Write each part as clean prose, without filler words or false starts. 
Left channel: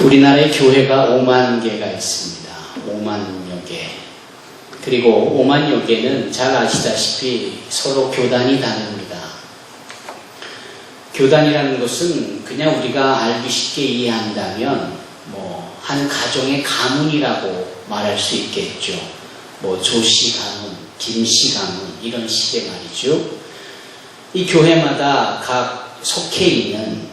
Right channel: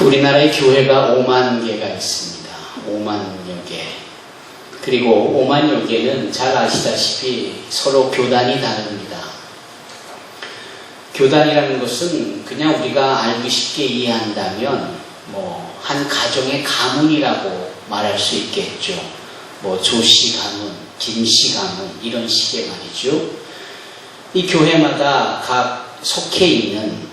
우리나라의 교회가 5만 개가 있습니다. 5만여 개. 그리고 5만여 개는 잘 아시다시피 서로 교단이 다릅니다. 교단이라는 것은 그냥 우리가 알기 쉽게 이해한다면 한 가정의 가문이라고 말할 수 있겠죠. 조씨 가문, 김씨 가문 이런 식의 말이죠. 이 교회마다 각 속해 있는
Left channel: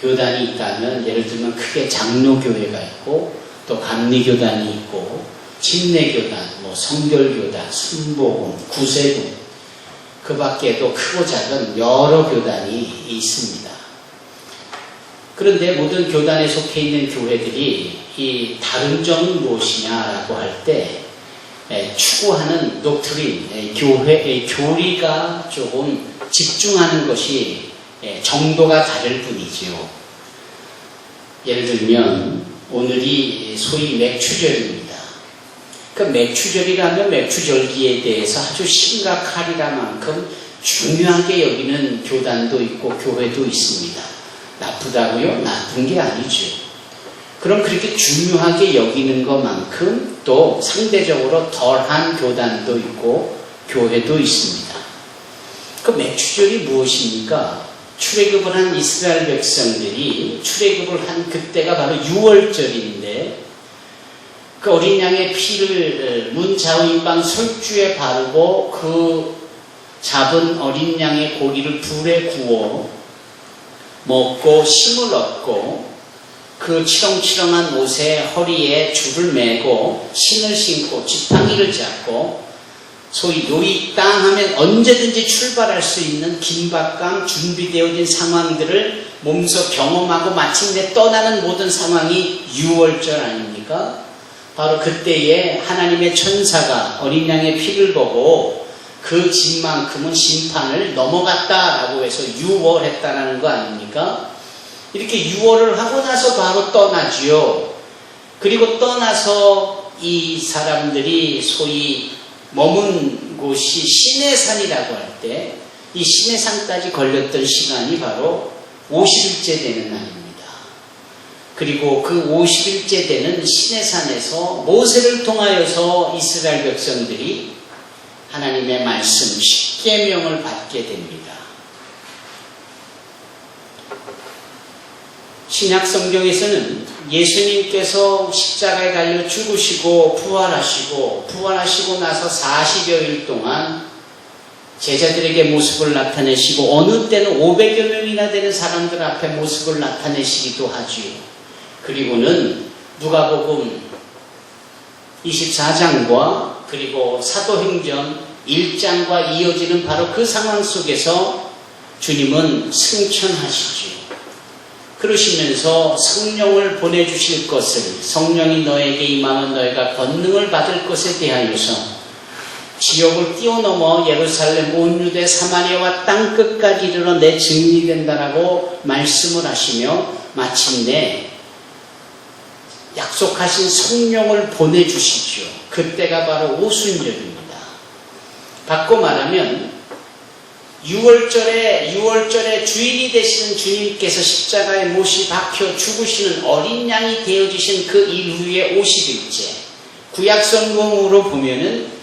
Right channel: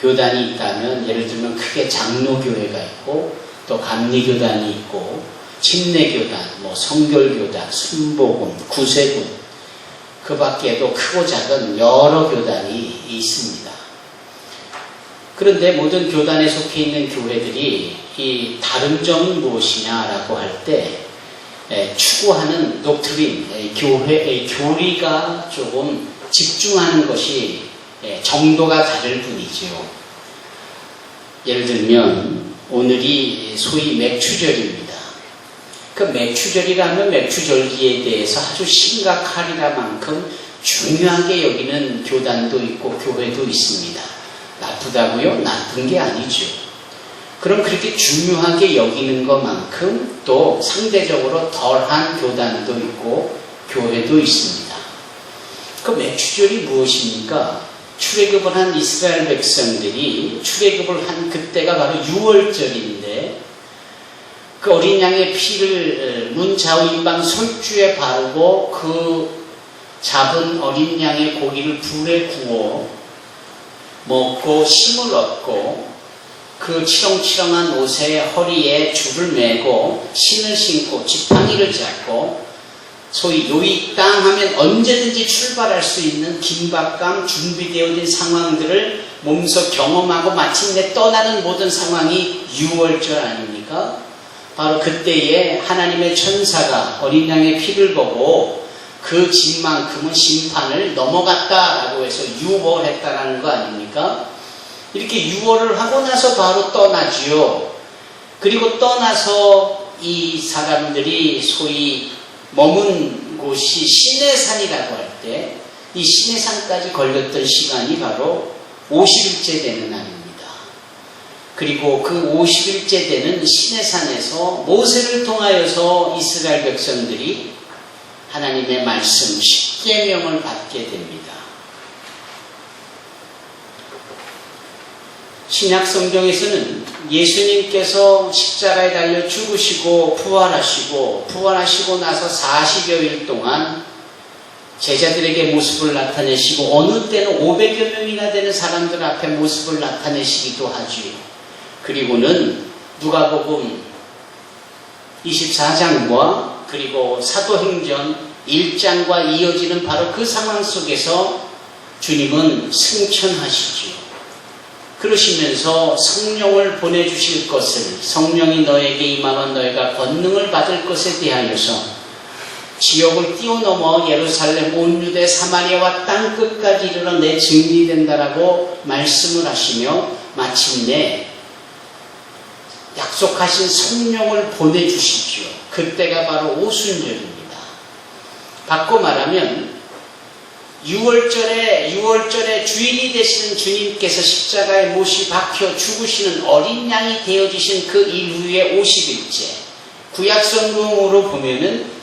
교단이 있다면 예를 들면 크게 장로교회가 있고 또 감리교단이 있고 침례교단, 성결교단, 순복음, 구세군 그 밖에도 크고 작은 여러 교단이 있습니다. 그런데 모든 교단에 속해 있는 교회들이 이 다른 점이 무엇이냐라고 할 때 추구하는 독트린, 교회의 교리가 조금 집중하는 것이 정도가 다를 뿐이지요. 예를 들면 오늘이 소위 맥추절입니다. 그 맥추절이라면 맥추절기에 대해서 아주 심각하리라 만큼 중요하게 여기는 교단도 있고 교회도 있습니다. 나쁘다고요? 나쁜 게 아니죠. 그럼 그렇게 중요하게 여기는 것만큼 또 상대적으로 덜한 교단도 있고 교회도 있습니다. 그 맥추절이 무엇입니까? 출애굽을 한 이스라엘 백성들이 출애굽을 한 그때가 바로 6월절인데 그 어린 양의 피를 문 좌우입방 솔주에 바르고 그 잡은 어린 양의 고기를 불에 구워 먹고 심을 얻고 그 치렁치렁한 옷에 허리에 줄을 매고 신을 신고 지팡이를 잡고 소위 요이 땅 하면 언제든지 출발할 수 있는 긴박감 준비되어진 상황들을 몸소 경험하고 마침내 떠나는 모든 상황이 6월절 아닙니까? 바로 그때에 하나님의 천사가 어린 양의 피를 보고 그 집만큼은 심판을 넘어갔다라고 해서 6월했다라는 거 아닙니까? 이렇게 6월을 하고 나서 바로 떠나지요. 그리고 떠나서 이 사람들이 소위 머문 곳이 시내산이라고 할 때 이 시내산까지 걸렸던 시간이 바로 50일째 되는 날입니다. 그리고 그 50일째 되는 시내산에서 모세를 통하여서 이스라엘 백성들이 하나님의 말씀 십계명을 받게 됩니다. 신약 성경에서는 예수님께서 십자가에 달려 죽으시고 부활하시고 나서 40여일 동안 제자들에게 모습을 나타내시고 어느 때는 500여 명이나 되는 사람들 앞에 모습을 나타내시기도 하지요. 그리고는 누가복음 24장과 그리고 사도행전 1장과 이어지는 바로 그 상황 속에서 주님은 승천하시지요. 그러시면서 성령을 보내주실 것을 성령이 너에게 임하면 너희가 권능을 받을 것에 대하여서 지역을 뛰어넘어 예루살렘 온 유대 사마리아와 땅끝까지 이르러 내 증인이 된다라고 말씀을 하시며 마침내 약속하신 성령을 보내주시죠. 그때가 바로 오순절입니다. 바꿔 말하면 6월절에 주인이 되시는 주님께서 십자가에 못이 박혀 죽으시는 어린 양이 되어지신 그 이후의 50일째 구약성경으로 보면은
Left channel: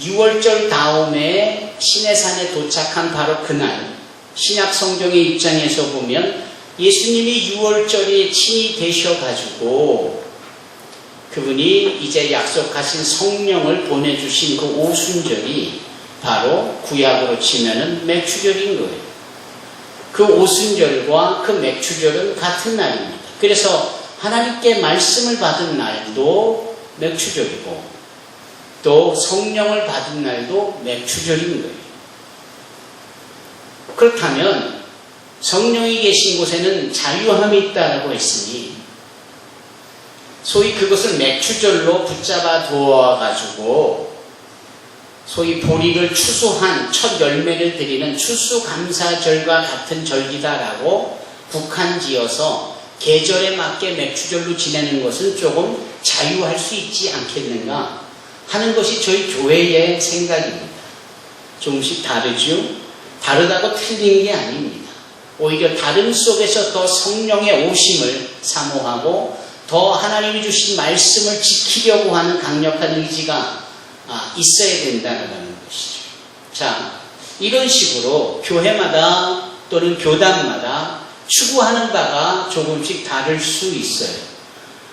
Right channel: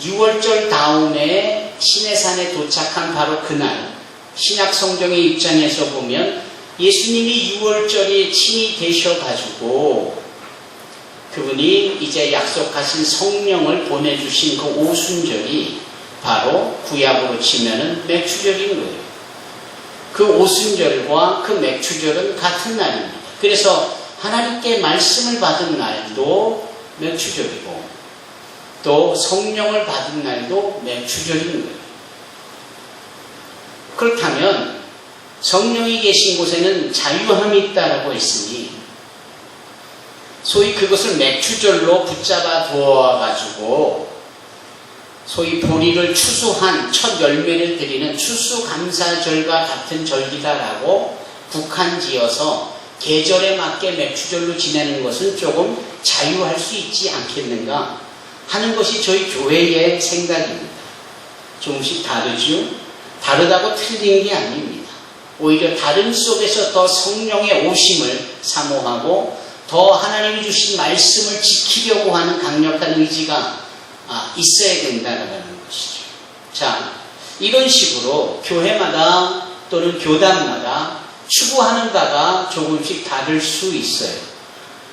6월절 다음에 시내산에 도착한 바로 그날 신약성경의 입장에서 보면 예수님이 6월절이 친히 되셔가지고 그분이 이제 약속하신 성령을 보내주신 그 오순절이 바로 구약으로 치면은 맥추절인 거예요. 그 오순절과 그 맥추절은 같은 날입니다. 그래서 하나님께 말씀을 받은 날도 맥추절이고 또 성령을 받은 날도 맥추절인 거예요. 그렇다면 성령이 계신 곳에는 자유함이 있다라고 했으니 소위 그것을 맥추절로 붙잡아 두어가지고 소위 보리를 추수한 첫 열매를 드리는 추수감사절과 같은 절기다라고 국한지어서 계절에 맞게 맥추절로 지내는 것은 조금 자유할 수 있지 않겠는가 하는 것이 저희 교회의 생각입니다. 조금씩 다르죠? 다르다고 틀린 게 아닙니다. 오히려 다름 속에서 더 성령의 오심을 사모하고 더 하나님이 주신 말씀을 지키려고 하는 강력한 의지가 있어야 된다는 것이죠. 자, 이런 식으로 교회마다 또는 교단마다 추구하는 바가 조금씩 다를 수 있어요.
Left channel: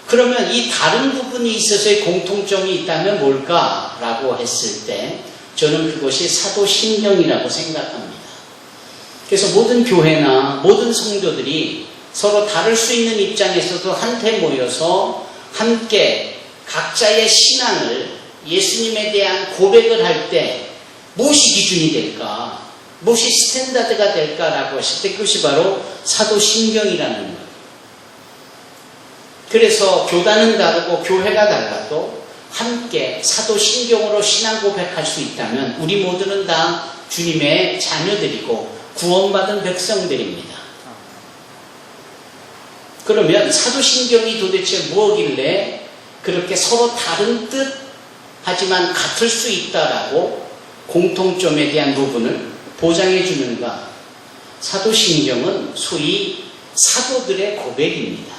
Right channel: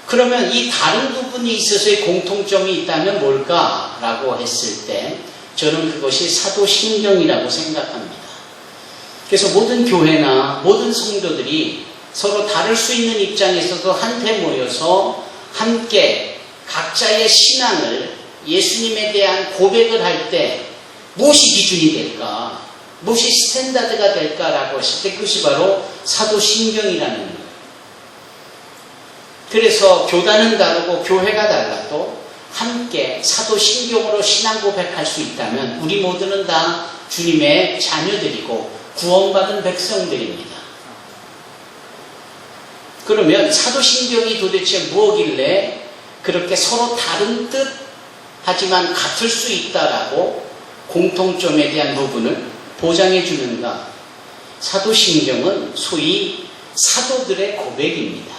그러면 이 다른 부분이 있어서의 공통점이 있다면 뭘까라고 했을 때 저는 그것이 사도신경이라고 생각합니다. 그래서 모든 교회나 모든 성도들이 서로 다를 수 있는 입장에서도 한테 모여서 함께 각자의 신앙을 예수님에 대한 고백을 할 때 무엇이 기준이 될까? 무엇이 스탠다드가 될까라고 했을 때 그것이 바로 사도신경이라는 거예요. 그래서 교단은 다르고 교회가 달라도 함께 사도신경으로 신앙 고백할 수 있다면 우리 모두는 다 주님의 자녀들이고 구원받은 백성들입니다. 그러면 사도신경이 도대체 뭐길래 그렇게 서로 다른 뜻 하지만 같을 수 있다라고 공통점에 대한 부분을 보장해 주는가? 사도신경은 소위 사도들의 고백입니다.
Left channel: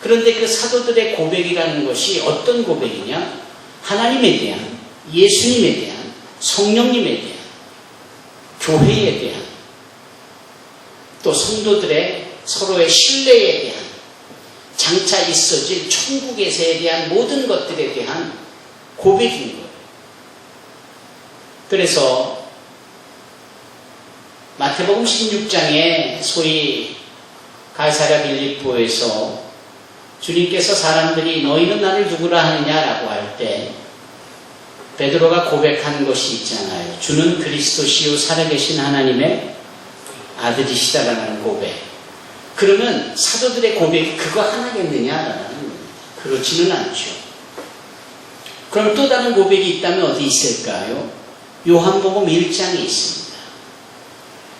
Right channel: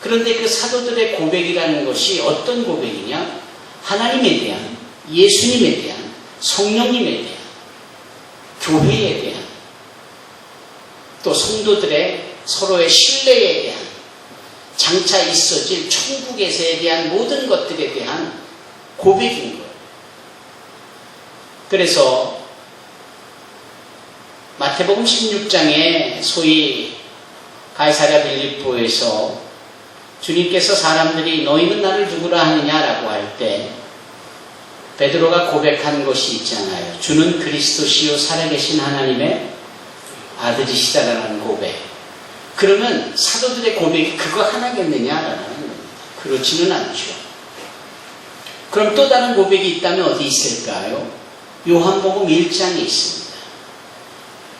그런데 그 사도들의 고백이라는 것이 어떤 고백이냐? 하나님에 대한, 예수님에 대한, 성령님에 대한, 교회에 대한, 또 성도들의 서로의 신뢰에 대한, 장차 있어질 천국에서에 대한 모든 것들에 대한 고백인 거예요. 그래서 마태복음 16장에 소위 가이사랴 빌립보에서 주님께서 사람들이 너희는 나를 누구라 하느냐라고 할 때 베드로가 고백한 것이 있잖아요. 주는 그리스도시요 살아계신 하나님의 아들이시다라는 고백. 그러면 사도들의 고백이 그거 하나겠느냐라는 겁니다. 그렇지는 않죠. 그럼 또 다른 고백이 있다면 어디 있을까요? 요한복음 1장에 있습니다.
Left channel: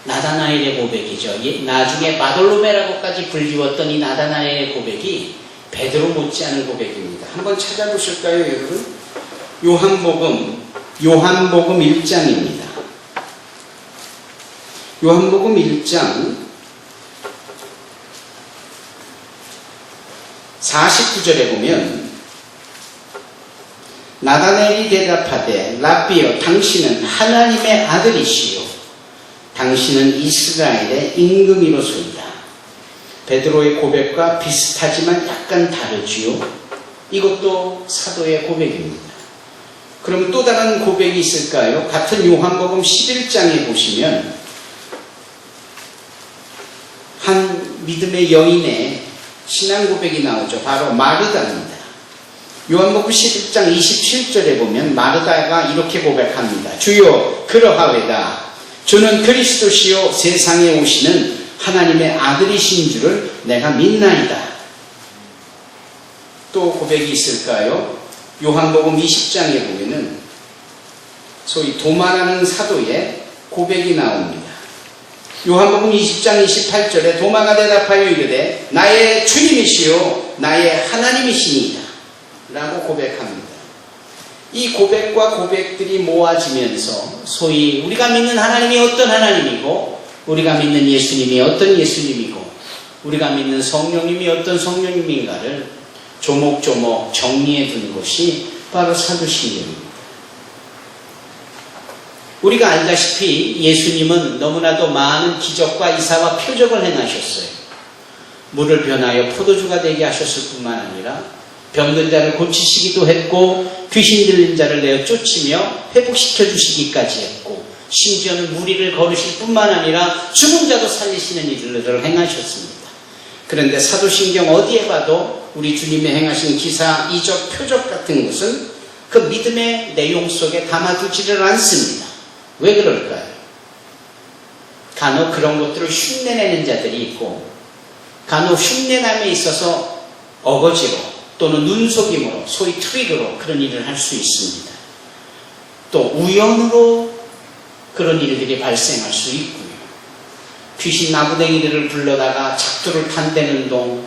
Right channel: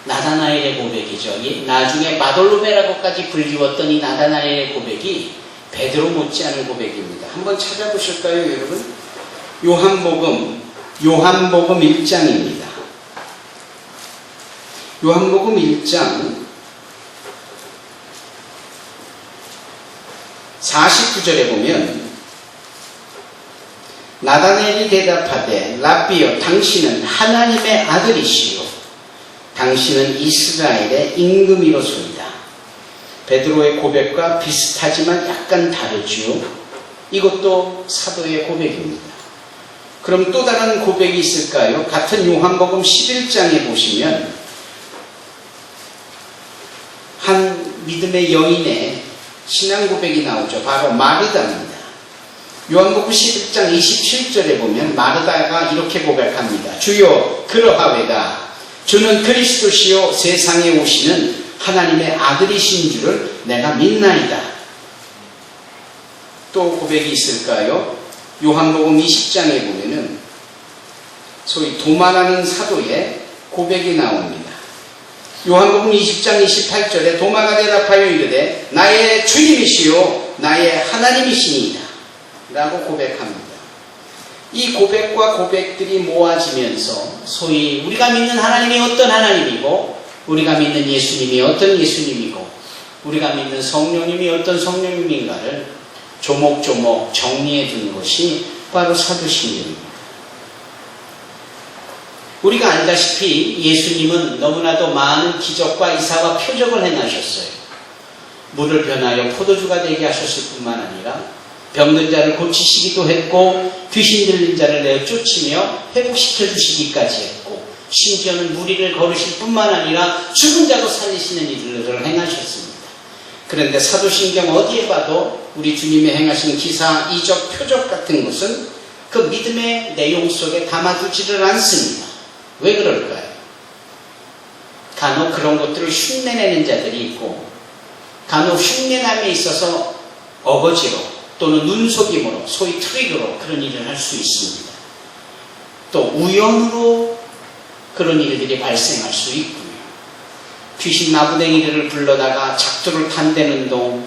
나다나엘의 고백이죠. 나중에 마돌로메라고까지 불리웠던 이 나다나엘의 고백이 베드로 못지않은 고백입니다. 한번 찾아보실까요, 여러분? 요한복음 1장입니다. 요한복음 1장 49절에 보면 나다나엘이 대답하되 라비여 당신은 하나님의 아들이시요 당신은 이스라엘의 임금이로소이다. 베드로의 고백과 비슷하지만 약간 다르지요. 이것도 사도의 고백입니다. 그럼 또 다른 고백이 있을까요? 같은 요한복음 11장에 보시면 한 믿음의 여인의 신앙 고백이 나오죠. 바로 마르다입니다. 요한복음 11장 27절에 보면 마르다가 이렇게 고백합니다. 주여 그러하외다. 주는 그리스도시요 세상에 오시는 하나님의 아들이신 줄을 내가 믿나이다. 또 고백이 있을까요? 요한복음 20장에 보면은 소위 도마라는 사도의 고백이 나옵니다. 요한복음 20장 28절에 도마가 대답하여 이르되 나의 주님이시요 나의 하나님이시니이다 라고 고백합니다. 이 고백과 고백들이 모아지면서 소위 우리가 믿는 하나님이 어떤 하나님이고 우리가 믿는 예수님이 어떤 예수님이고 우리가 믿는 성령님이 어떤 성령님인가를 조목조목 정리해 두는 것이 바로 사도신경입니다. 우리가 알다시피 예수님은 너무나도 많은 기적과 이사와 표적을 행하셨어요. 물을 변하여 포도주가 되게 하셨을 뿐만 아니라 병든 자를 고치시기도 했고 귀신 들린 자를 내어 쫓으며 회복시켜 주시기까지 했고 심지어는 무리를 거르실 뿐만 아니라 죽은 자도 살리시는 일들을 행하셨습니다. 그런데 사도신경 어디에 봐도 우리 주님의 행하신 기사, 이적, 표적 같은 것은 그 믿음의 내용 속에 담아두지를 않습니다. 왜 그럴까요? 간혹 그런 것들을 흉내내는 자들이 있고 간혹 흉내남에 있어서 어거지로 또는 눈속임으로 소위 트릭으로 그런 일을 할 수 있습니다. 또 우연으로 그런 일들이 발생할 수 있고요. 귀신 나부댕이들을 불러다가 작두를 탄대는 동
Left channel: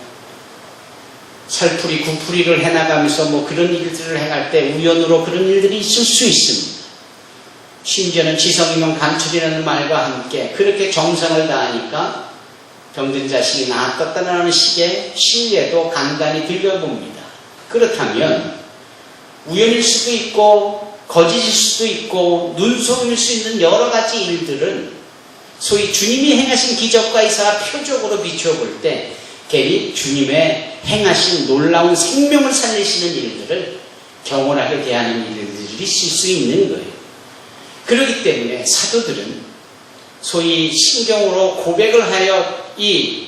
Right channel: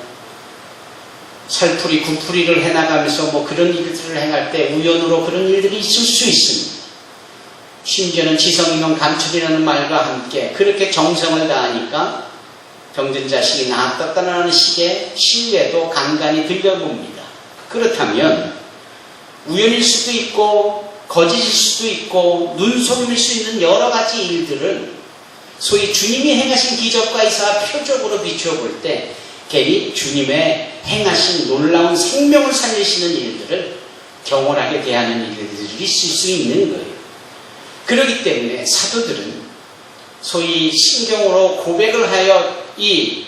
살풀이 구풀이를 해나가면서 그런 일들을 행할 때 우연으로 그런 일들이 있을 수 있습니다. 심지어는 지성이면 감출이라는 말과 함께 그렇게 정성을 다하니까 병든 자식이 나았다는 식의 신뢰도 간간히 들려봅니다. 그렇다면 우연일 수도 있고 거짓일 수도 있고 눈속임일 수 있는 여러 가지 일들은 소위 주님이 행하신 기적과 이사와 표적으로 비추어 볼 때 괜히 주님의 행하신 놀라운 생명을 살리시는 일들을 경홀하게 대하는 일들이 있을 수 있는 거예요. 그렇기 때문에 사도들은 소위 신경으로 고백을 하여 이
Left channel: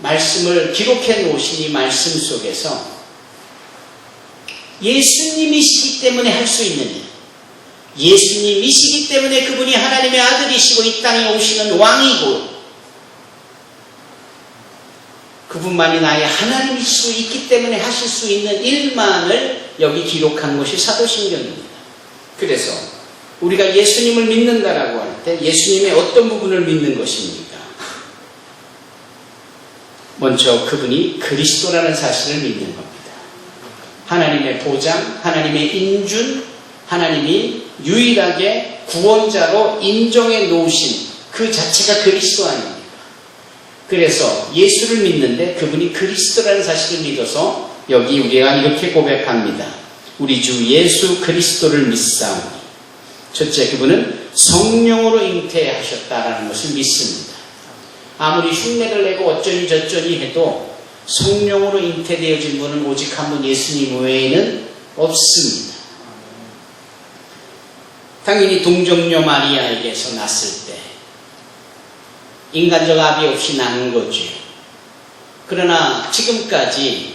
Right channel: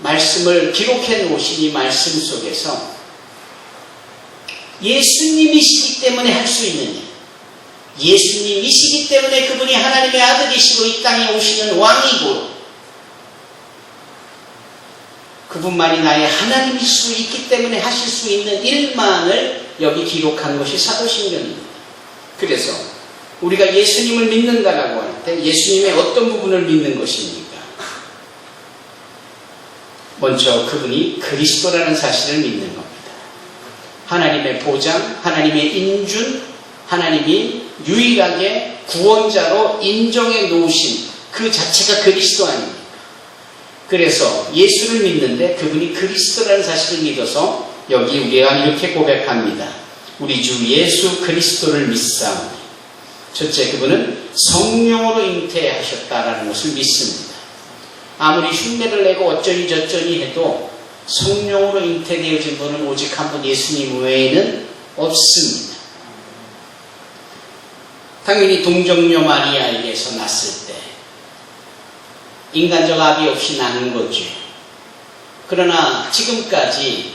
말씀을 기록해 놓으신 이 말씀 속에서 예수님이시기 때문에 할 수 있는 일, 예수님이시기 때문에 그분이 하나님의 아들이시고 이 땅에 오시는 왕이고 그분만이 나의 하나님일 수 있기 때문에 하실 수 있는 일만을 여기 기록한 것이 사도신경입니다. 그래서 우리가 예수님을 믿는다라고 할 때 예수님의 어떤 부분을 믿는 것입니까? 먼저 그분이 그리스도라는 사실을 믿는 겁니다. 하나님의 보장, 하나님의 인준, 하나님이 유일하게 구원자로 인정해 놓으신 그 자체가 그리스도 아닙니까? 그래서 예수를 믿는데 그분이 그리스도라는 사실을 믿어서 여기 우리가 이렇게 고백합니다. 우리 주 예수 그리스도를 믿사오니. 첫째, 그분은 성령으로 잉태하셨다라는 것을 믿습니다. 아무리 흉내를 내고 어쩌니 저쩌니 해도 성령으로 잉태되어진 분은 오직 한 분 예수님 외에는 없습니다. 당연히 동정녀 마리아에게서 났을 때 인간적 아비 없이 낳은 거죠. 그러나 지금까지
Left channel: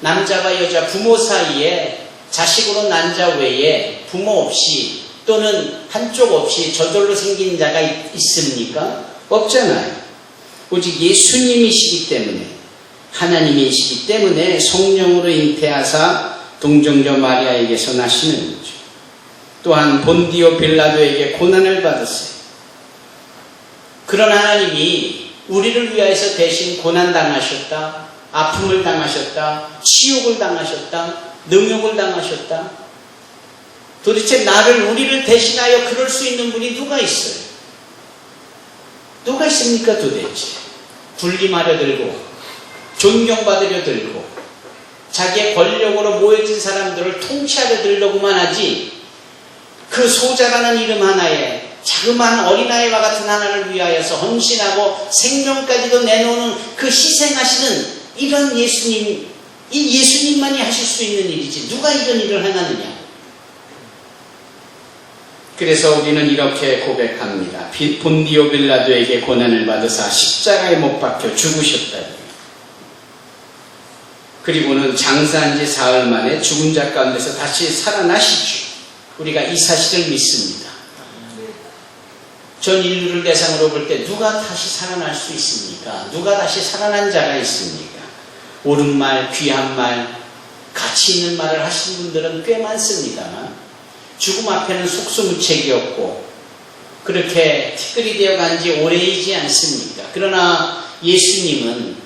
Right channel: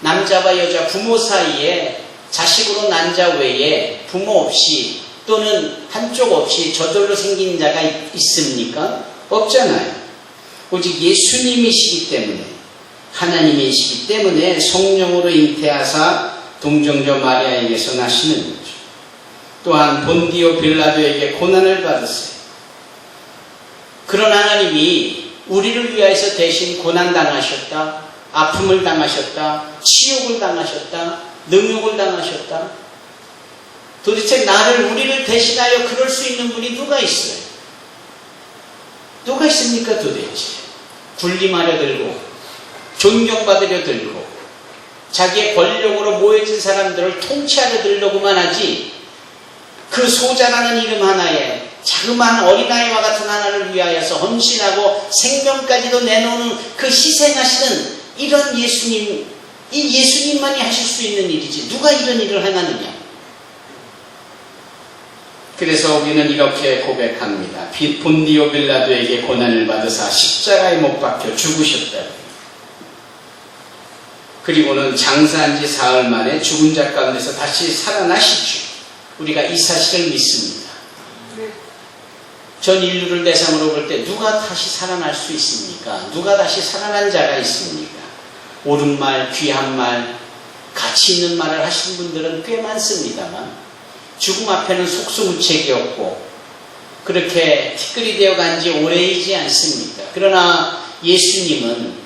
남자와 여자 부모 사이에 자식으로 난 자 외에 부모 없이 또는 한쪽 없이 저절로 생긴 자가 있습니까? 없잖아요. 오직 예수님이시기 때문에 하나님이시기 때문에 성령으로 잉태하사 동정녀 마리아에게서 나시는 거죠. 또한 본디오 빌라도에게 고난을 받으세요. 그런 하나님이 우리를 위하여서 대신 고난당하셨다, 아픔을 당하셨다, 치욕을 당하셨다, 능욕을 당하셨다. 도대체 우리를 대신하여 그럴 수 있는 분이 누가 있어요? 누가 있습니까 도대체? 군림하려 들고 존경받으려 들고 자기의 권력으로 모여진 사람들을 통치하려 들려고만 하지 그 소자라는 이름 하나에 자그마한 어린아이와 같은 하나를 위하여서 헌신하고 생명까지도 내놓는 그 희생하시는 이런 예수님, 이 예수님만이 하실 수 있는 일이지 누가 이런 일을 행하느냐. 그래서 우리는 이렇게 고백합니다. 본디오 빌라도에게 고난을 받으사 십자가에 못 박혀 죽으셨다. 그리고는 장사한 지 사흘 만에 죽은 자 가운데서 다시 살아나시죠. 우리가 이 사실을 믿습니다. 전 인류를 대상으로 볼 때 누가 다시 살아날 수 있습니까? 누가 다시 살아난 자가 있습니까? 옳은 말, 귀한 말, 가치 있는 말을 하신 분들은 꽤 많습니다만 죽음 앞에는 속수무책이 없고 그렇게 티끌이 되어간 지 오래이지 않습니까? 그러나 예수님은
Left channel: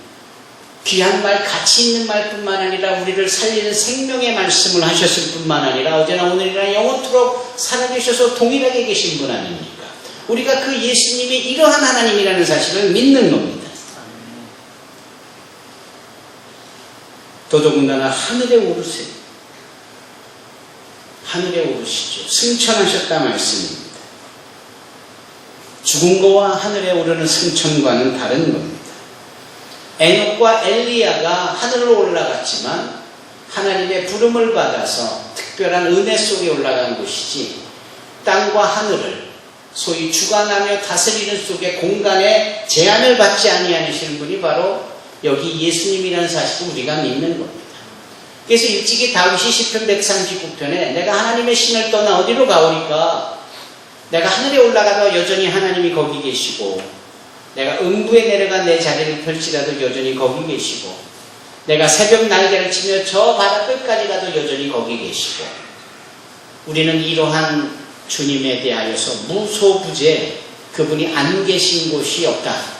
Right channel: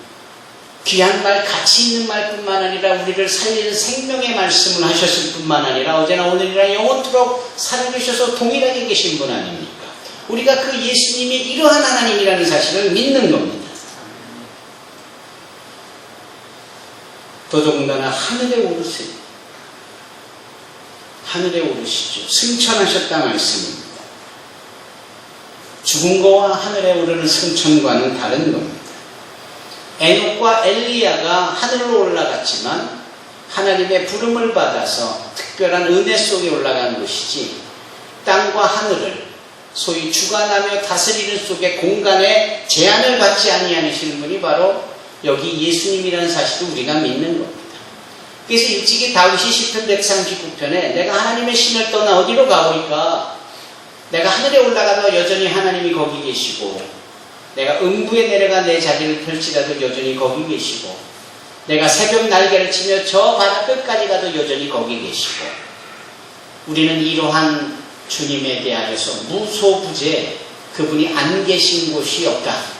귀한 말, 가치 있는 말뿐만 아니라 우리를 살리는 생명의 말씀을 하셨을 뿐만 아니라 어제나 오늘이나 영원토록 살아계셔서 동일하게 계신 분 아닙니까? 우리가 그 예수님이 이러한 하나님이라는 사실을 믿는 겁니다. 더더군다나 하늘에 오르세요. 하늘에 오르시죠. 승천하셨다 말씀입니다. 죽은 거와 하늘에 오르는 승천과는 다른 겁니다. 에녹과 엘리야가 하늘로 올라갔지만 하나님의 부름을 받아서 특별한 은혜 속에 올라간 것이지 땅과 하늘을 소위 주관하며 다스리는 속의 공간에 제한을 받지 아니하시는 분이 바로 여기 예수님이라는 사실을 우리가 믿는 겁니다. 그래서 일찍이 다윗이 시편 139편에 내가 하나님의 신을 떠나 어디로 가오리까? 내가 하늘에 올라가도 여전히 하나님이 거기 계시고 내가 음부에 내려가 내 자리를 펼치라도 여전히 거기 계시고 내가 새벽 날개를 치며 저 바다 끝까지 가도 여전히 거기 계시고 우리는 이러한 주님에 대하여서 무소부재 그분이 안 계신 곳이 없다.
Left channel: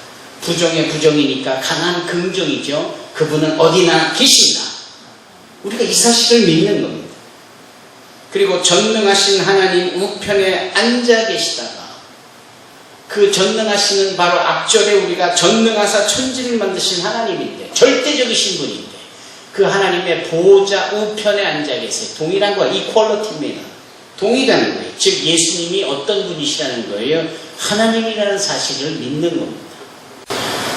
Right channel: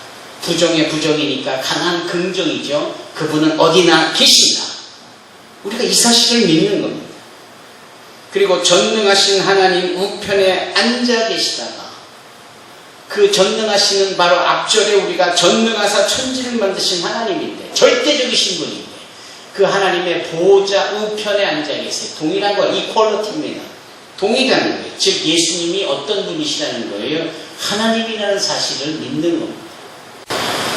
부정의 부정이니까 강한 긍정이죠. 그분은 어디나 계신다. 우리가 이 사실을 믿는 겁니다. 그리고 전능하신 하나님 우편에 앉아 계시다가 그 전능하시는 바로 앞절에 우리가 전능하사 천지를 만드신 하나님인데 절대적이신 분인데 그 하나님의 보호자 우편에 앉아 계세요. 동일한 거 이퀄리티입니다. 동일한 거예요. 즉 예수님이 어떤 분이시라는 거예요. 하나님이라는 사실을 믿는 겁니다.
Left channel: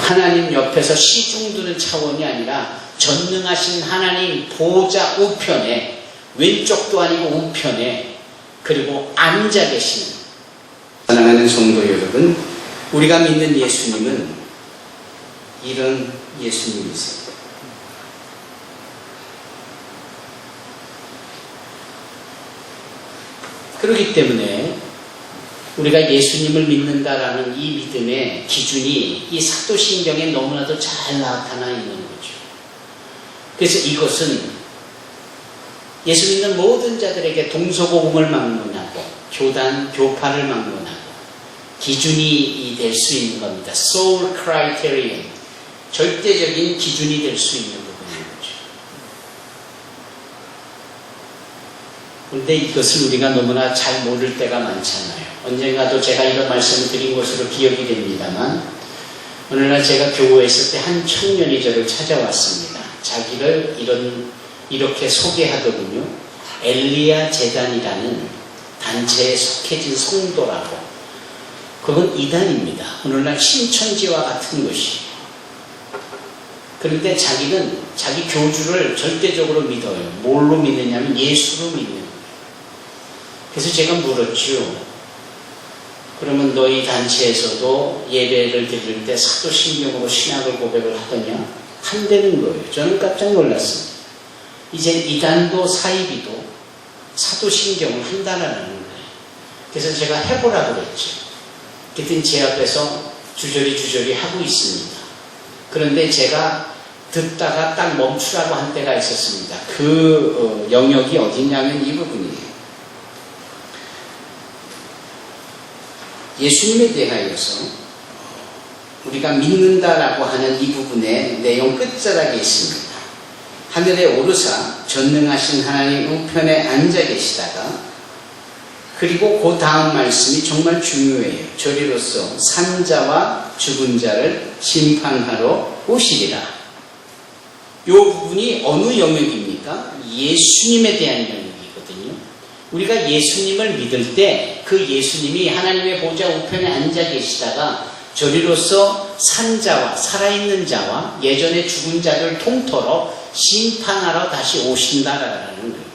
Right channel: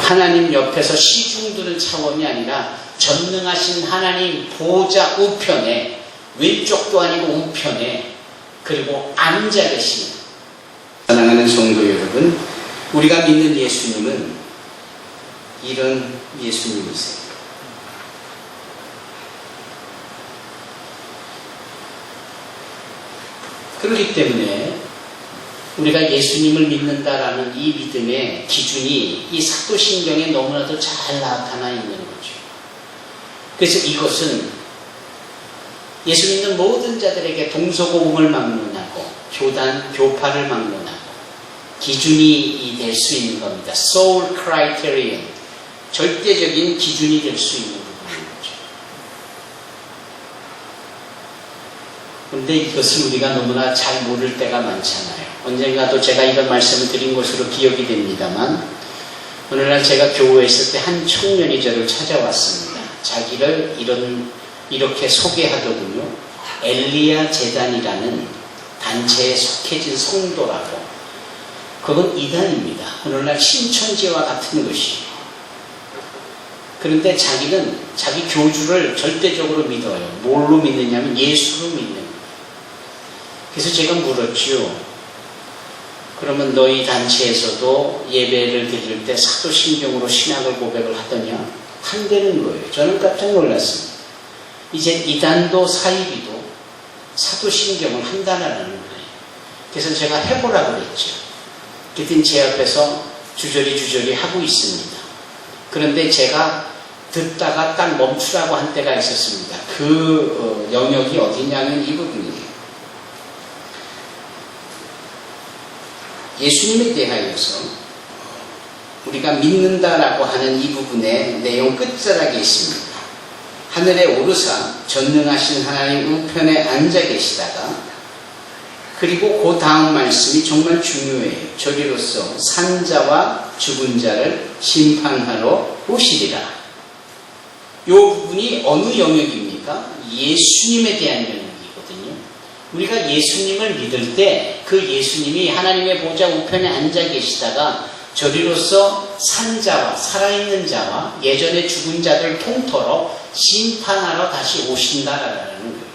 하나님 옆에서 시중드는 차원이 아니라 전능하신 하나님 보호자 우편에 왼쪽도 아니고 우편에 그리고 앉아 계시는 사랑하는 성도 여러분, 우리가 믿는 예수님은 이런 예수님이세요. 그렇기 때문에 우리가 예수님을 믿는다라는 이 믿음의 기준이 이 사도신경에 너무나도 잘 나타나 있는 거죠. 그래서 이것은 예수 믿는 모든 자들에게 동서고금을 막론하고 교단, 교파를 막론하고 기준이 될 수 있는 겁니다. Soul Criterion, 절대적인 기준이 될 수 있는 부분인 거죠. 그런데 이것을 우리가 너무나 잘 모를 때가 많잖아요. 언젠가도 제가 이런 말씀을 드린 것으로 기억이 됩니다만 오늘날 제가 교회에 있을 때 한 청년이 저를 찾아왔습니다. 자기를 이렇게 소개하더군요. 엘리야 재단이라는 단체에 속해진 성도라고. 그건 이단입니다. 오늘날 신천지와 같은 것이에요. 그런데 자기는 자기 교주를 절대적으로 믿어요. 뭘로 믿느냐면 예수로 믿는 거예요. 그래서 제가 물었죠. 그러면 너희 단체에서도 예배를 드릴 때 사도신경으로 신학을 고백을 하더냐? 한다는 거예요. 저는 깜짝 놀랐습니다. 이제 이단도 사이비도 사도신경을 한다라는 거예요. 그래서 제가 해보라고 그랬죠. 그랬더니 제 앞에서 주저리 하고 있습니다. 그런데 제가 듣다가 딱 멈추라고 한 때가 있었습니다. 그 영역이 어디냐면 이 부분이에요. 예수님에 대하여서 우리가 믿는다라고 하는 이 부분의 내용 끝자락에 있습니다. 하늘에 오르사 전능하신 하나님 우편에 앉아 계시다가 그리고 그 다음 말씀이 정말 중요해요. 저리로서 산자와 죽은 자를 심판하러 오시리라. 이 부분이 어느 영역입니까? 예수님에 대한 영역이거든요. 우리가 예수님을 믿을 때 그 예수님이 하나님의 보좌 우편에 앉아 계시다가 저리로서 산자와 살아있는 자와 예전에 죽은 자들 통틀어 심판하러 다시 오신다라는 거예요.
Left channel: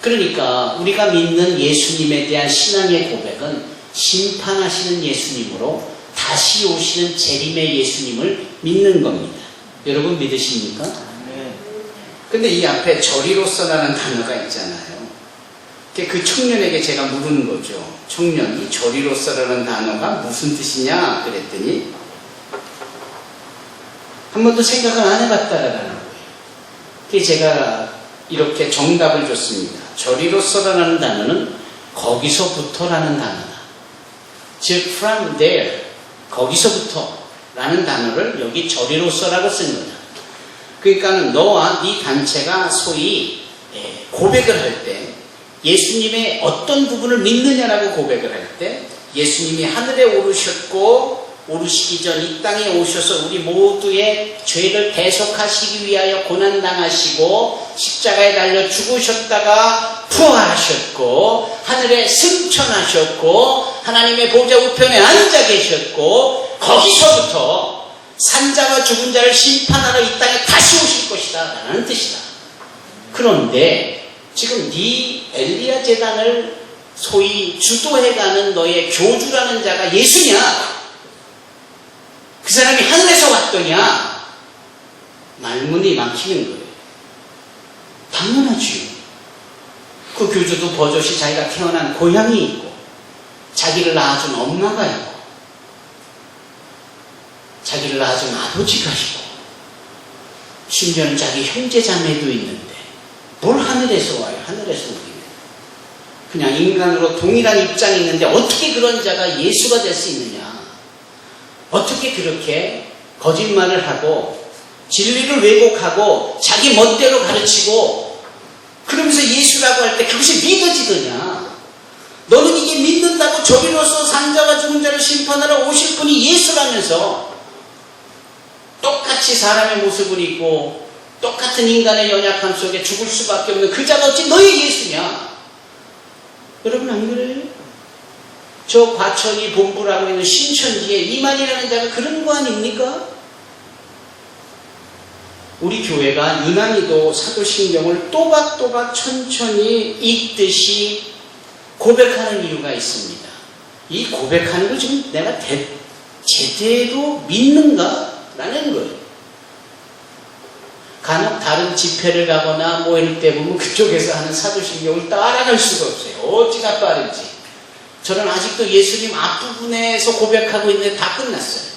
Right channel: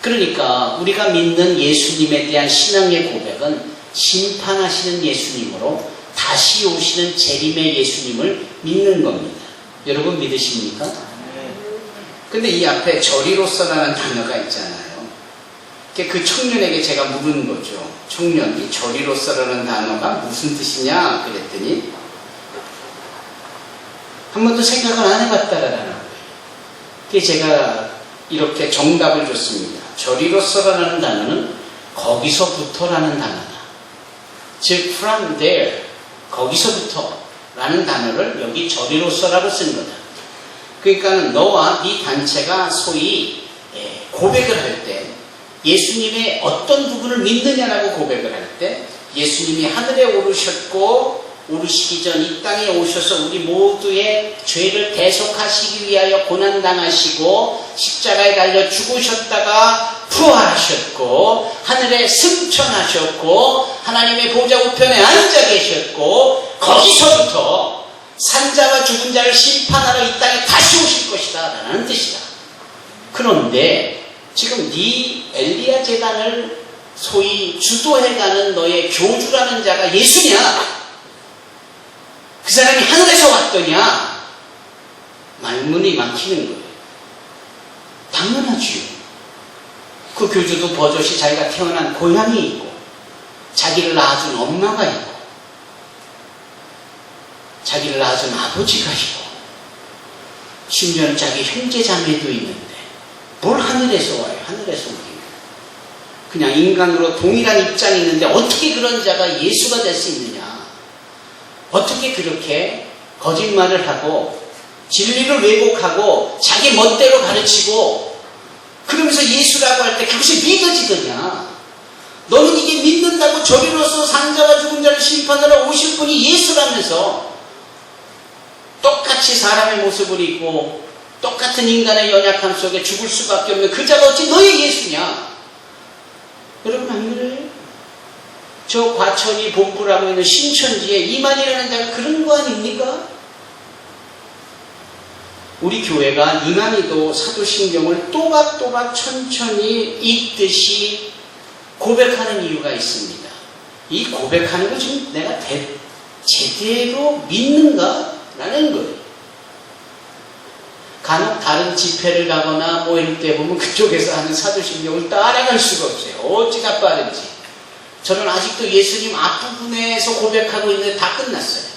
그러니까 우리가 믿는 예수님에 대한 신앙의 고백은 심판하시는 예수님으로 다시 오시는 재림의 예수님을 믿는 겁니다. 여러분 믿으십니까? 근데 이 앞에 저리로서라는 단어가 있잖아요. 그 청년에게 제가 물은 거죠. 청년이 저리로서라는 단어가 무슨 뜻이냐 그랬더니 한 번도 생각을 안 해봤다라는 거예요. 그래서 제가 이렇게 정답을 줬습니다. 저리로서라는 단어는 거기서부터라는 단어다. 즉 from there, 거기서부터라는 단어를 여기 저리로서라고 쓴 거다. 그러니까 너와 네 단체가 소위 고백을 할 때 예수님의 어떤 부분을 믿느냐라고 고백을 할 때 예수님이 하늘에 오르셨고 오르시기 전 이 땅에 오셔서 우리 모두의 죄를 대속하시기 위하여 고난당하시고 십자가에 달려 죽으셨다가 부활하셨고 하늘에 승천하셨고 하나님의 보좌 우편에 앉아 계셨고 거기서부터 산자와 죽은 자를 심판하러 이 땅에 다시 오실 것이다 라는 뜻이다. 그런데 지금 네 엘리야 재단을 소위 주도해가는 너의 교주라는 자가 예수냐? 그 사람이 하늘에서 왔더냐? 말문이 막히는 거예요. 당연하지요. 그 교주도 버젓이 자기가 태어난 고향이 있고 자기를 낳아준 엄마가 있고 자기를 낳아준 아버지가 있고 심지어는 자기 형제 자매도 있는데 뭘 하늘에서 와요? 하늘에서 오기는. 그냥 인간으로 동일한 입장이 있는데 어떻게 그런 자가 예수가 될 수 있느냐? 어떻게 그렇게 거짓말을 하고 진리를 왜곡하고 자기 멋대로 가르치고 그러면서 예수라고 할 때 그것이 믿어지더냐? 너는 이게 믿는다고 저리로서 산자와 죽은 자를 심판하러 오실 분이 예수라면서 똑같이 사람의 모습을 입고 똑같은 인간의 연약함 속에 죽을 수밖에 없는 그 자가 어찌 너의 예수냐? 여러분 안 그래요? 저 과천이 본부를 하고 있는 신천지에 이만이라는 자가 그런 거 아닙니까? 우리 교회가 이만희도 사도신경을 또박또박 천천히 읽듯이 고백하는 이유가 있습니다. 이 고백하는 걸 지금 내가 제대로 믿는가? 라는 거예요. 간혹 다른 집회를 가거나 뭐 이럴 때 보면 그쪽에서 하는 사도신경을 따라갈 수가 없어요. 어찌나 빠른지. 저는 아직도 예수님 앞부분에서 고백하고 있는데 다 끝났어요.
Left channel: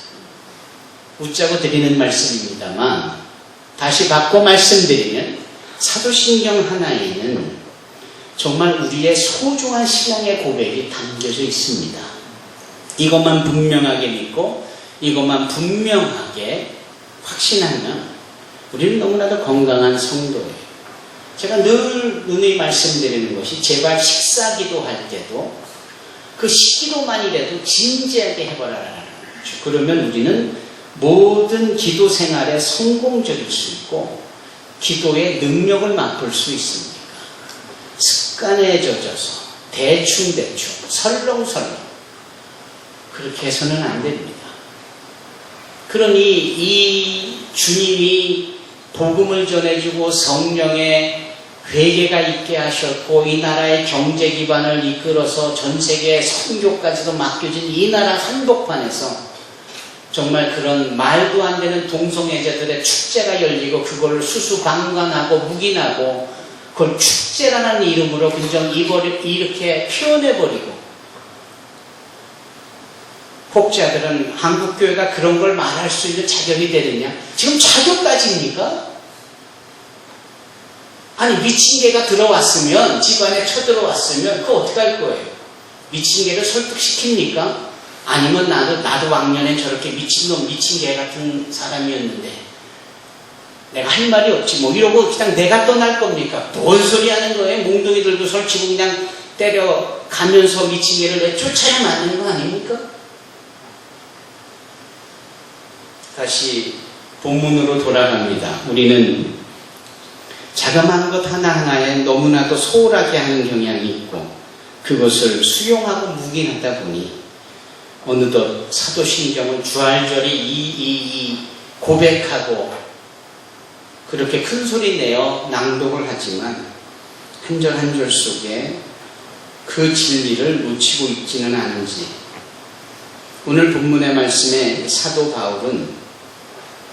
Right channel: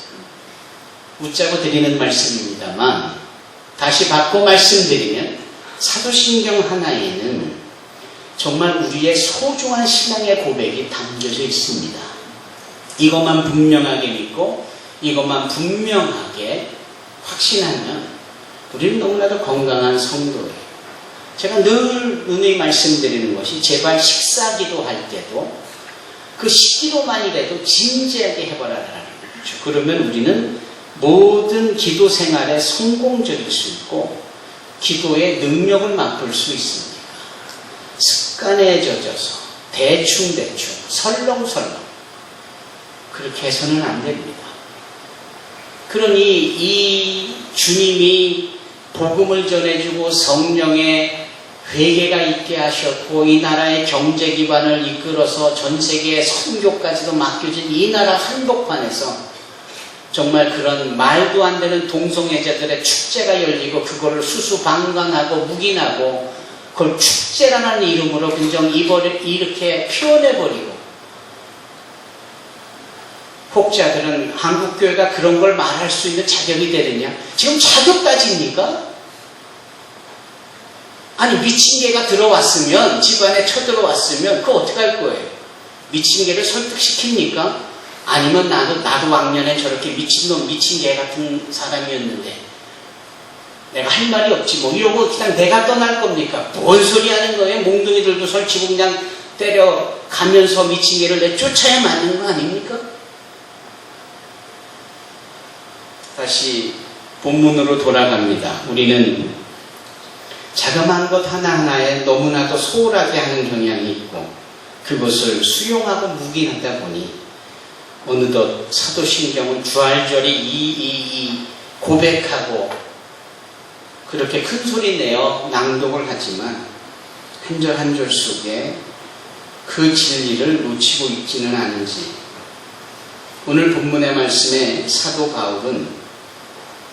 웃자고 드리는 말씀입니다만 다시 바꿔 말씀드리면 사도신경 하나에는 정말 우리의 소중한 신앙의 고백이 담겨져 있습니다. 이것만 분명하게 믿고 이것만 분명하게 확신하면 우리는 너무나도 건강한 성도예요. 제가 늘 누누이 말씀드리는 것이 제발 식사기도 할 때도 그 시기로만이라도 진지하게 해보라라는 거죠. 그러면 우리는 모든 기도 생활에 성공적일 수 있고 기도의 능력을 맛볼 수 있습니다. 습관에 젖어서 대충 설렁설렁 그렇게 해서는 안 됩니다. 그러니 이 주님이 복음을 전해주고 성령의 회개가 있게 하셨고 이 나라의 경제 기반을 이끌어서 전 세계 선교까지도 맡겨진 이 나라 한복판에서 정말 그런 말도 안 되는 동성애자들의 축제가 열리고 그거를 수수방관하고 묵인하고 그걸 축제라는 이름으로 그냥 이렇게 표현해버리고 혹자들은 한국교회가 그런 걸 말할 수 있는 자격이 되느냐? 지금 자격 따집니까? 아니 미친 개가 들어왔으면 집안에 쳐들어왔으면 그거 어떻게 할 거예요? 미친 개를 설득시킵니까? 아니면 나도 왕년에 저렇게 미친놈 미친 개 같은 사람이었는데 내가 할 말이 없지 뭐 이러고 그냥 내가 떠날 겁니까? 뭔 소리 하는 거예요? 몽둥이들도 설치고 그냥 때려가면서 미친 개를 내쫓아야 맞는 거 아닙니까? 다시 본문으로 돌아갑니다. 우리는 자그마한 것 하나하나에 너무나도 소홀하게 하는 경향이 있고 그것을 수용하고 묵인하다 보니 어느덧 사도신경은 주알절이 고백하고 그렇게 큰 소리 내어 낭독을 하지만 한 절 한 절 속에 그 진리를 놓치고 있지는 않은지 오늘 본문의 말씀에 사도 바울은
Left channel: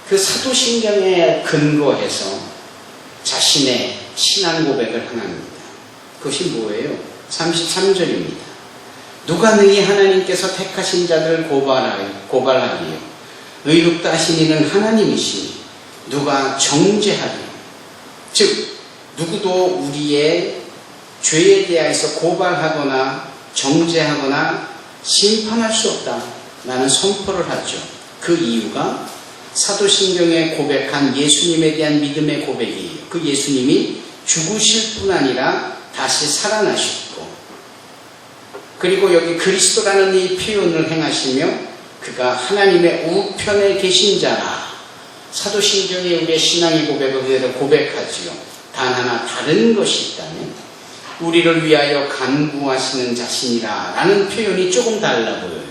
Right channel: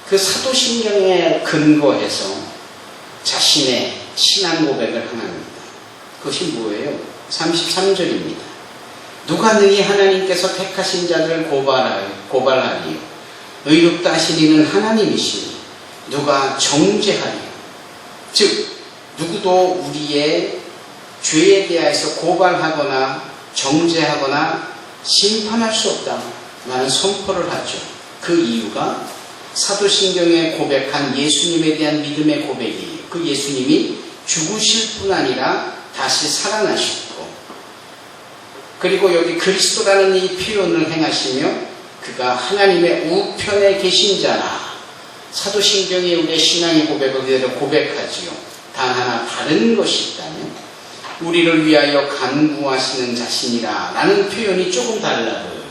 그 사도신경에 근거해서 자신의 신앙 고백을 하나입니다. 그것이 뭐예요? 33절입니다. 누가 너희 하나님께서 택하신 자들을 고발하리요 의롭다 하신 이는 하나님이시니 누가 정죄하리요 즉 누구도 우리의 죄에 대해서 고발하거나 정죄하거나 심판할 수 없다 라는 선포를 하죠. 그 이유가 사도신경에 고백한 예수님에 대한 믿음의 고백이에요. 그 예수님이 죽으실 뿐 아니라 다시 살아나셨고 그리고 여기 그리스도라는 이 표현을 행하시며 그가 하나님의 우편에 계신 자라. 사도신경이 우리의 신앙의 고백을 그대로 고백하지요. 단 하나 다른 것이 있다면 우리를 위하여 간구하시는 자신이라 라는 표현이 조금 달라 보여요.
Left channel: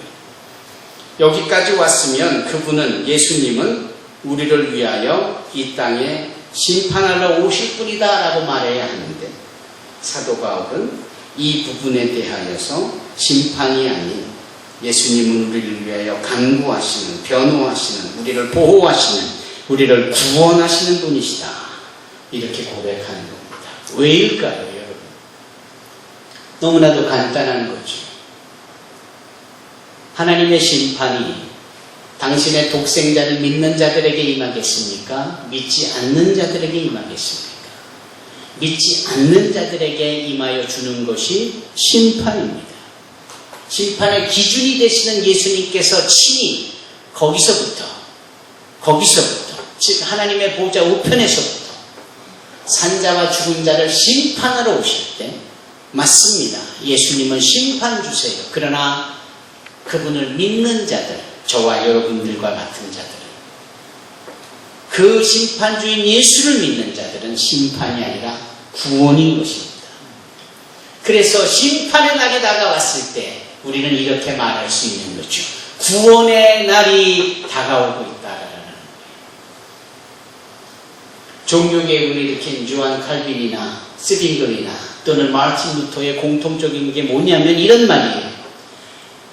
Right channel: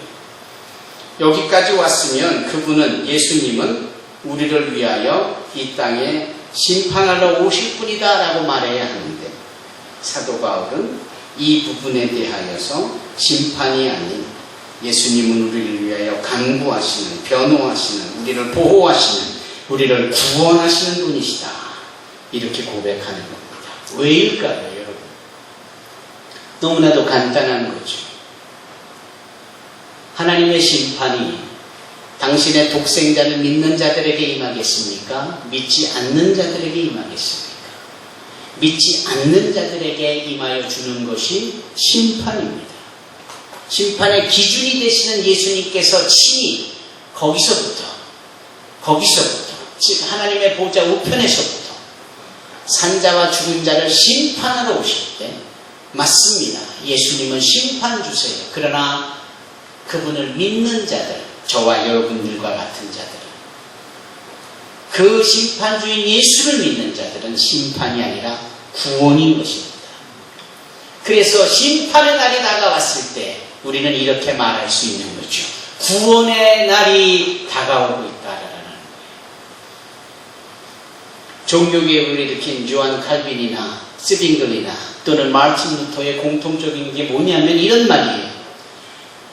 여기까지 왔으면 그분은 예수님은 우리를 위하여 이 땅에 심판하러 오실 분이다 라고 말해야 하는데 사도 바울은 이 부분에 대하여서 심판이 아닌 예수님은 우리를 위하여 간구하시는 변호하시는 우리를 보호하시는 우리를 구원하시는 분이시다 이렇게 고백하는 겁니다. 왜일까요 여러분? 너무나도 간단한 거죠. 하나님의 심판이 당신의 독생자를 믿는 자들에게 임하겠습니까? 믿지 않는 자들에게 임하겠습니까? 믿지 않는 자들에게 임하여 주는 것이 심판입니다. 심판의 기준이 되시는 예수님께서 친히 거기서부터 즉 하나님의 보좌 우편에서부터 산자와 죽은 자를 심판하러 오실 때 맞습니다. 예수님은 심판 주세요. 그러나 그분을 믿는 자들, 저와 여러분들과 같은 자들, 그 심판주인 예수를 믿는 자들은 심판이 아니라 구원인 것입니다. 그래서 심판의 날이 다가왔을 때 우리는 이렇게 말할 수 있는 거죠. 구원의 날이 다가오고 있다라는 거예요. 종교개혁을 일으킨 요한 칼빈이나 스빙글이나 또는 마르틴 루터의 공통적인 게 뭐냐면 이런 말이에요.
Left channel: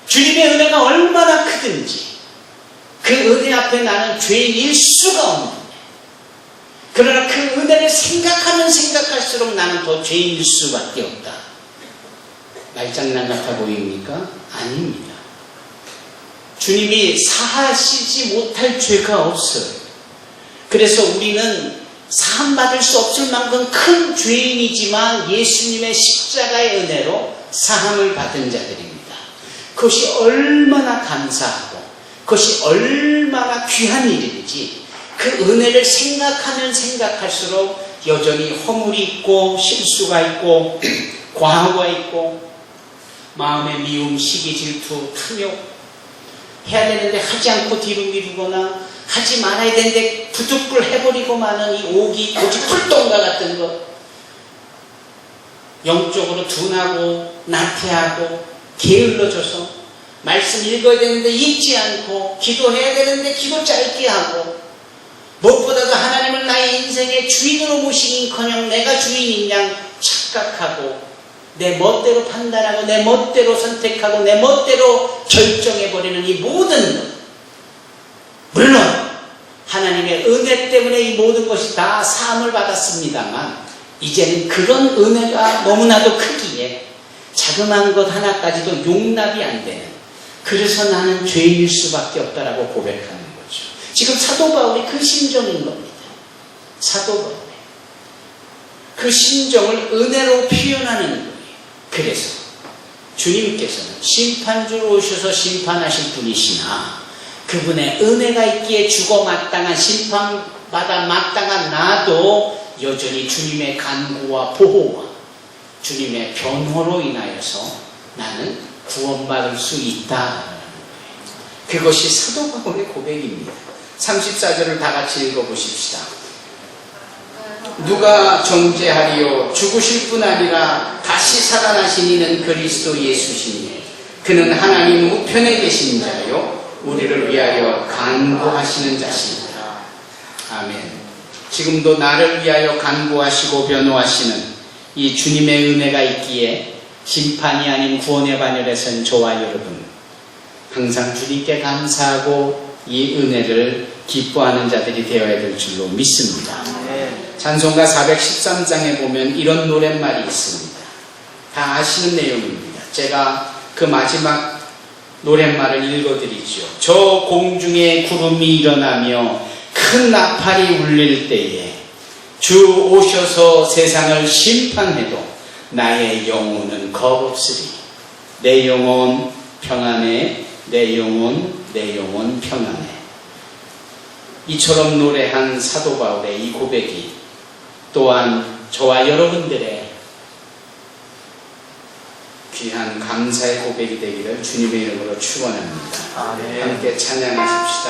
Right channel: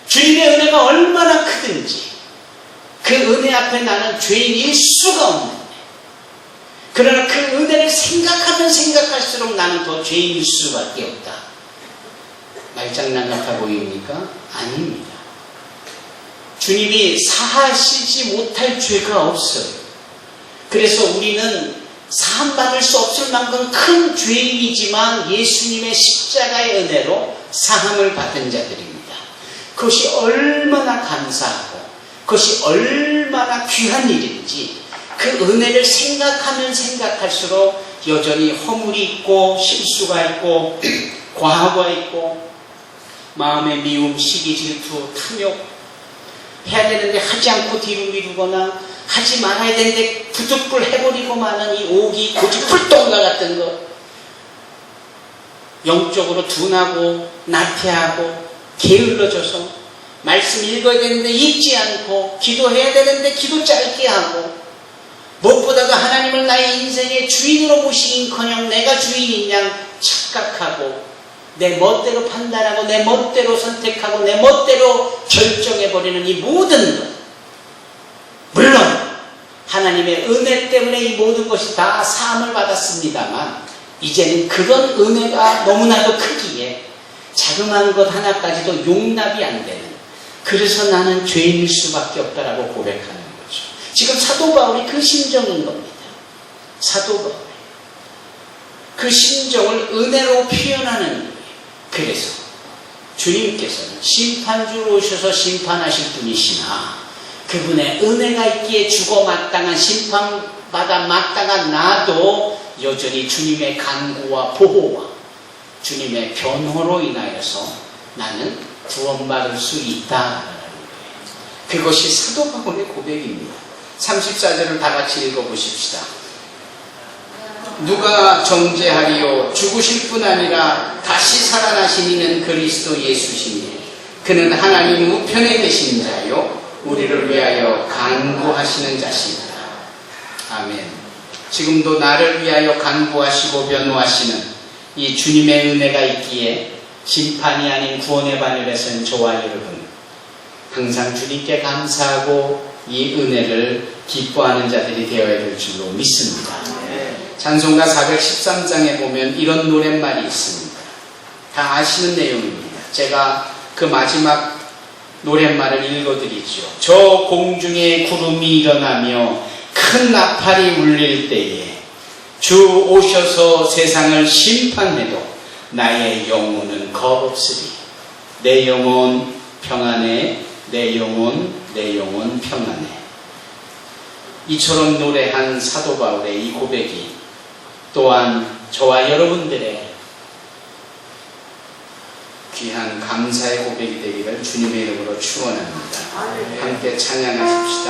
주님의 은혜가 얼마나 크든지 그 은혜 앞에 나는 죄인일 수가 없는데, 그러나 그 은혜를 생각하면 생각할수록 나는 더 죄인일 수밖에 없다. 말장난 같아 보입니까? 아닙니다. 주님이 사하시지 못할 죄가 없어요. 그래서 우리는 사함받을 수 없을 만큼 큰 죄인이지만 예수님의 십자가의 은혜로 사함을 받은 자들입니다. 그것이 얼마나 감사하고 그것이 얼마나 귀한 일인지 그 은혜를 생각하면 생각할수록 여전히 허물이 있고 실수가 있고 과거가 있고 마음의 미움, 시기, 질투, 탐욕, 해야 되는데 하지 않고 뒤로 미루거나 하지 말아야 되는데 부득불 해버리고 마는 이 오기, 고집불통과 같은 것, 영적으로 둔하고 나태하고 게을러져서 말씀 읽어야 되는데 읽지 않고 기도해야 되는데 기도 짧게 하고, 무엇보다도 하나님을 나의 인생의 주인으로 모시긴커녕 내가 주인인 양 착각하고 내 멋대로 판단하고 내 멋대로 선택하고 내 멋대로 결정해버리는 이 모든 것, 물론 하나님의 은혜 때문에 이 모든 것이 다 사함을 받았습니다만 이제는 그런 은혜가 너무나도 크기에 자그마한 것 하나까지도 용납이 안 되는, 그래서 나는 죄인일 수밖에 없다라고 고백하는 거죠. 지금 사도 바울이 그 심정인 겁니다. 사도 바울이 그 심정을 은혜로 표현하는 거예요. 그래서 주님께서는 심판주로 오셔서 심판하실 분이시나 그분의 은혜가 있기에 죽어 마땅한 심판받아 마땅한 나도 여전히 주님의 간구와 보호와 주님의 변호로 인하여서 나는 구원받을 수 있다라는 거예요. 그것이 사도 바울의 고백입니다. 34절을 다 같이 읽어보십시다. 누가 정죄하리요? 죽으실 뿐 아니라 다시 살아나신 이는 그리스도 예수시니 그는 하나님 우편에 계신 자요 우리를 위하여 간구하시는 자십니다. 아멘. 지금도 나를 위하여 간구하시고 변호하시는 이 주님의 은혜가 있기에 심판이 아닌 구원의 바늘에 선 저와 여러분 항상 주님께 감사하고 이 은혜를 기뻐하는 자들이 되어야 될 줄로 믿습니다. 찬송가 413장에 보면 이런 노랫말이 있습니다. 다 아시는 내용입니다. 제가 그 마지막 노랫말을 읽어드리죠. 저 공중에 구름이 일어나며 큰 나팔이 울릴 때에 주 오셔서 세상을 심판해도 나의 영혼은 겁없으리. 내 영혼 평안해, 내 영혼 평안해. 이처럼 노래한 사도 바울의 이 고백이 또한 저와 여러분들의 귀한 감사의 고백이 되기를 주님의 이름으로 축원합니다. 함께 찬양하십시다.